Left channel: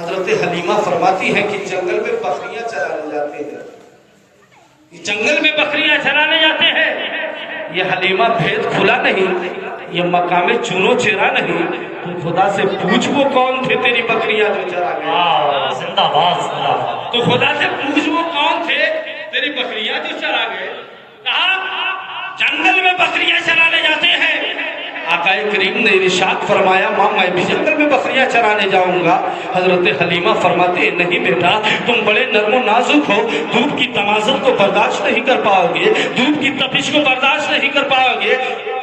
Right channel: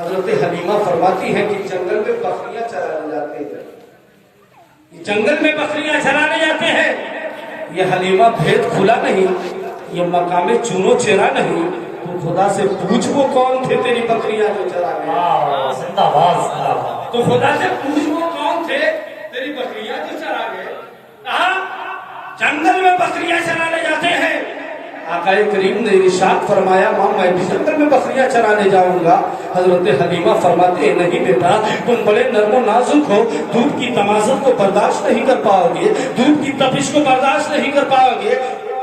حضرت حلیمہ فرماتی ہیں کہ جنگل میں بکریاں چرانے جاتے ہیں، جنگل میں بکریاں چرانے جاتے ہیں۔ یہ حلیمہ بھید کھلا نہیں، یہ مقام چونو چرا نہیں، تو خدا سے پوچھ وہ کون تھے تیری بکریاں جو چرا گئے۔ زندہ باد، تو خدا سے پوچھ وہ کون تھے تیری بکریاں جو چرا گئے۔ کہا جنگل میں بکریاں چرانے جاتے ہیں۔ آقا کریم نے ارشاد فرمایا ماں میں بھی جنگل میں بکریاں چرانے جاؤں گا۔ حضرت حلیمہ فرماتے ہیں نہیں بیٹا، تم بڑے نرم و نازک ہو، دھوپ کی تمازت کو برداشت نہیں کر پاؤ گے، دھوپ کی تپش کو برداشت نہیں کر پاؤ گے۔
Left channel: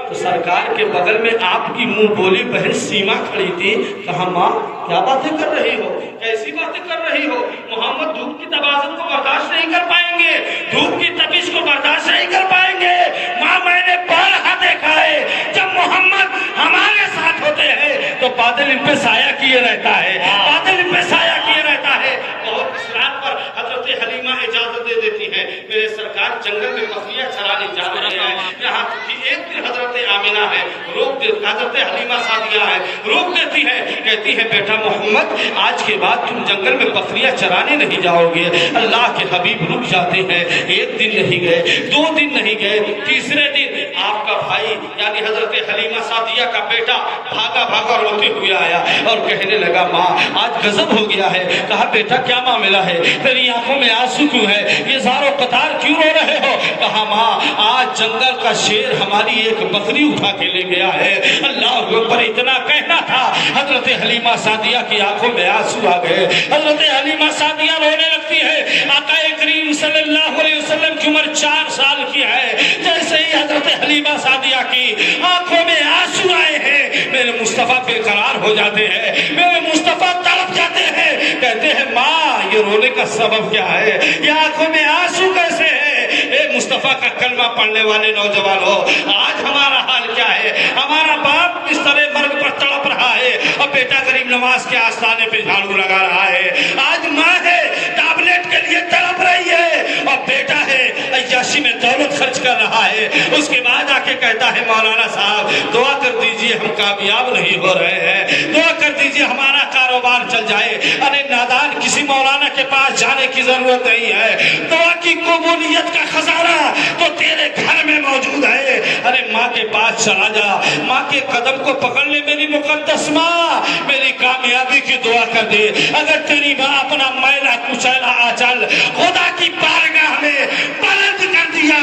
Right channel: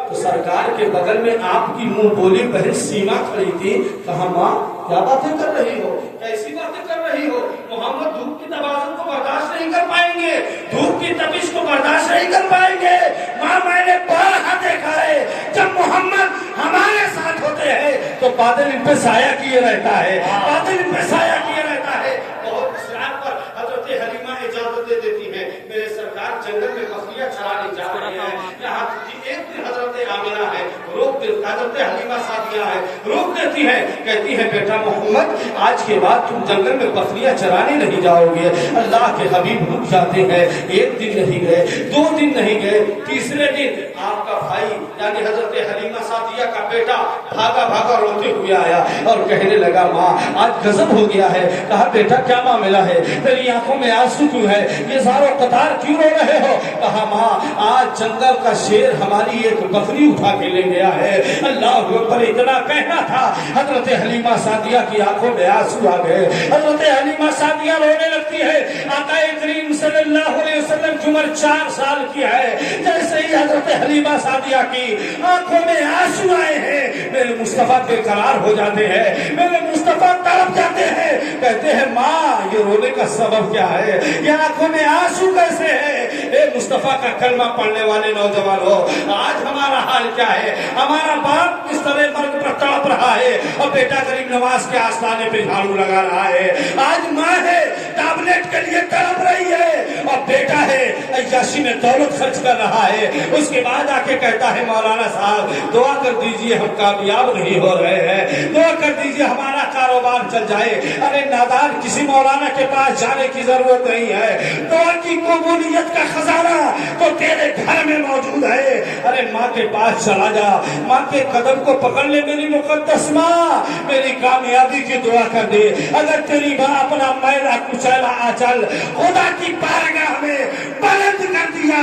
تو سرکار کے بغل میں آپ کی منہ بولی بہن سیما کھڑی تھی۔ کہا ماں کیا باتیں کر رہی ہو، کیسی باتیں کر رہی ہو؟ محمد دھوپ کی تبازت کو برداشت نہیں کر پائیں گے، دھوپ کی تپش کو برداشت نہیں کر پائیں گے۔ ماں میں نے بارہا دیکھا ہے جب محمد ہمارے ساتھ ہوتے ہیں تو بادل ان پہ سایہ کیے رہتا ہے، بادل ان پہ سایہ کیے رہتا ہے۔ بہت اسرار پر حضرت حلیمہ اجازت دے دیتی ہے، میرے سرکار جنگل میں بکریاں چرانے جا رہے ہیں۔ یہاں ایک دن حضرت آمنہ ہے روک دے، حضرت حلیمہ سعدیہ ہے روک دیتی ہے، کہتی ہے بیٹا محمد آج کے بعد تم جنگل میں بکریاں چرانے نہیں جاؤ گے۔ اللہ کے حبیب رک جاتے ہیں، ایک دن نہیں گئے، دو دن نہیں گئے، تیسرے دن آپ کا بھائی یعنی حضرت حلیمہ سعدیہ کا بیٹا بھاگا بھاگا روتے ہوئے آیا اور کہنے لگا ماں آج غضب ہو گیا ہے۔ کہا بیٹا کیا معاملہ ہے، تیری آنکھوں میں آنسو کیوں ہے، یہ زار و قطار کیوں رو رہے ہو؟ کہا ماں آج جنگل کا شیر ہماری ایک بکری اٹھا کے لے گیا ہے۔ اللہ اکبر، اتنا کہنا تھا حضرت حلیمہ سعدیہ کی آنکھوں میں آنسو آ گئے۔ حضرت حلیمہ سعدیہ رونے لگتی ہے۔ آقا کریم صلی اللہ علیہ وسلم کی عمر 4 سال کی ہے، جیسے ہی حضرت حلیمہ سعدیہ کی آنکھوں میں آنسو آئے ہیں میرے مصطفیٰ بے قرار ہو جاتے ہیں، میرے مصطفیٰ تڑپ جاتے ہیں، کہتے ہیں ماں یہ رونے کا سبب کیا ہے، یہ آنکھوں میں آنسو کیسے ہے؟ اے مصطفیٰ کا کلمہ پڑھنے والے نوجوان ہو، آج ہمارا حال کیا ہے؟ ہمارا باپ اس طرح مرگ پر تڑپ رہا ہے اور بیٹا غریب نواز کے آستانے پہ جھاڑو لگا رہا ہے، آج ماں ہے ٹیبلٹ کے لیے تڑپ رہی ہے اور بیٹا ہے عیاشی میں دولت خرچ کر رہا ہے۔ اس کے بعد آ کے کہتا ہے مولانا صاحب دعا کر دیجئے ہم کامیاب نہیں ہو رہے ہیں، دعا کر دیجئے ہمارا کاروبار چل جائے۔ ارے نادان کسی مولانا کے پاس جانے کی ضرورت نہیں ہے، دعا کی قبولیت کا خزانہ تو تیرے گھر میں موجود ہے۔ ارے ماں کے پاس چلا جا، ماں کے قدم کو پکڑ لے، میری مقدس ماں میری کامیابی کی دعا کر دے۔ اگر تیری ماں اپنا میلا کچیلا آنچل خدا کی بارگاہ میں بلند کر دیا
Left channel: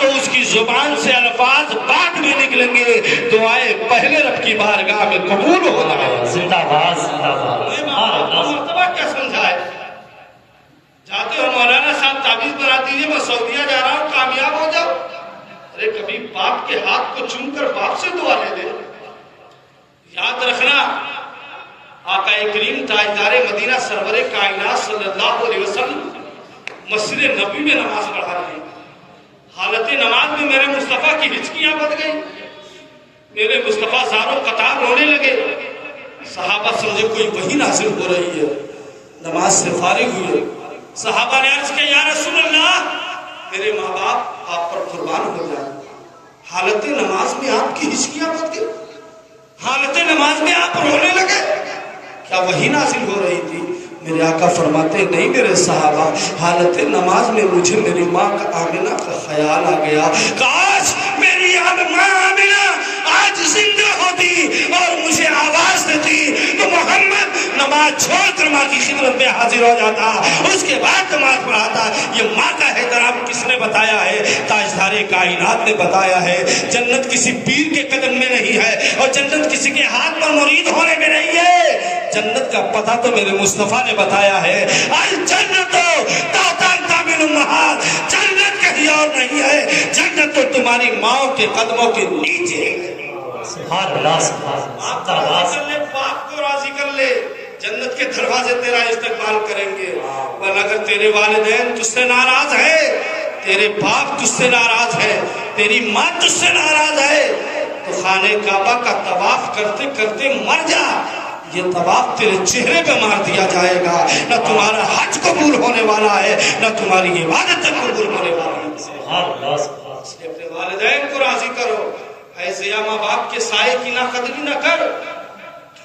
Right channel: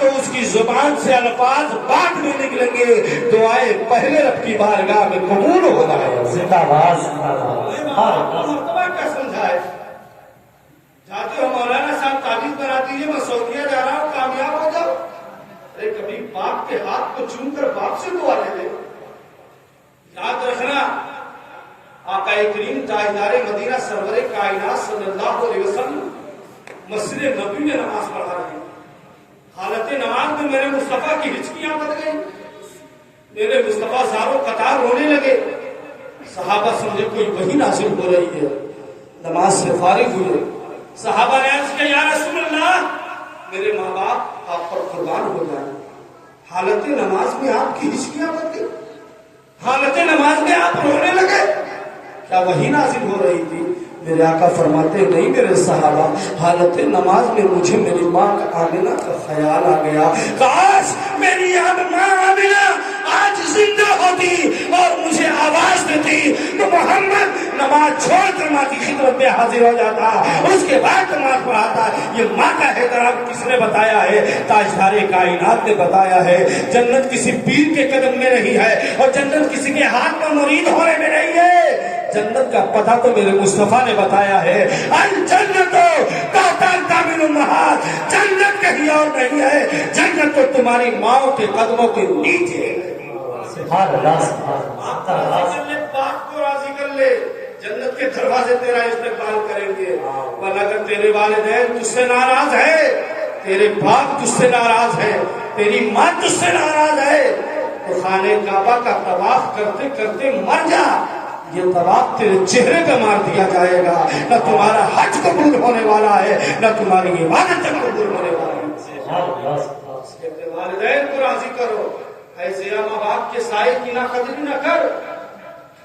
تو اس کی زبان سے الفاظ بعد میں نکلیں گے، دعائیں پہلے رب کی بارگاہ میں قبول ہو رہا ہے۔ زندہ باد، زندہ باد۔ مرتبہ کیا سمجھائے؟ جاتے ہو مولانا صاحب تعویذ بنا دیجیے میں سعودیہ جا رہا ہوں کامیاب ہو جاؤ۔ ارے کبھی باپ کے ہاتھ کو چوم کر باپ سے دعا لے دے۔ یاد رکھنا آقا کریم تاجدار مدینہ سرور کائنات صلی اللہ علیہ وسلم مسجد نبی میں نماز پڑھا رہے ہیں، حالت نماز میں میرے مصطفیٰ کی ہچکیاں بڑھ گئی، میرے مصطفیٰ زاروں قطار رونے لگے۔ صحابہ سمجھے کوئی وحی نازل ہو رہی ہے، نماز سے فارغ ہوئے۔ صحابہ نے عرض کیا یا رسول اللہ میرے ماں باپ آپ پر قربان ہو جائیں، حالت نماز میں آپ کی ہچکیاں بڑھ گئی، حالت نماز میں آپ رونے لگے، کیا وحی نازل ہو رہی تھی؟ میرے آقا فرماتے نہیں میرے صحابہ، حالت نماز میں مجھے میری ماں کا آمنہ کا خیال آ گیا، کاش میری ماں آمنہ آج زندہ ہوتی اور مجھے آواز دیتی تو محمد نماز چھوڑ کر ماں کی خدمت میں حاضر ہو جاتا، اس کے بعد نماز پڑھاتا۔ یہ ماں کا احترام کس نے بتایا ہے؟ تاجدار کائنات نے بتایا ہے۔ جنت کسی پیر کے قدم میں نہیں ہے اور جنت کسی کے ہاتھ پر مرید ہونے میں نہیں ہے، جنت کا پتہ تو میرے مصطفیٰ نے بتایا ہے۔ الجنت تحت اقدام امہات، جنت کہیں اور نہیں ہے، جنت تو تمہاری ماں کے قدموں کے نیچے ہے۔ سبحان اللہ، سبحان اللہ۔ باپ کو راضی کر لے، جنت کے دروازے تیرا استقبال کریں گے۔ ورنہ اگر تیرے والدین تجھ سے ناراض ہے، تیرے باپ تجھ سے ناراض ہے، تیری ماں تجھ سے ناراض ہے تو خانہ کعبہ کا طواف کرتے کرتے مر جا، یہ طواف تیرے چہرے پہ مار دیا جائے گا، نہ تمہارا حج قبول ہونے والا ہے نہ تمہاری عبادت قبول ہونے والی ہے۔ سبحان اللہ، سبحان اللہ۔ اپنے والدین کو راضی کرو، ایسے ماں باپ کے سائے کی نہ قدری نہ کر،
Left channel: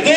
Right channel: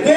2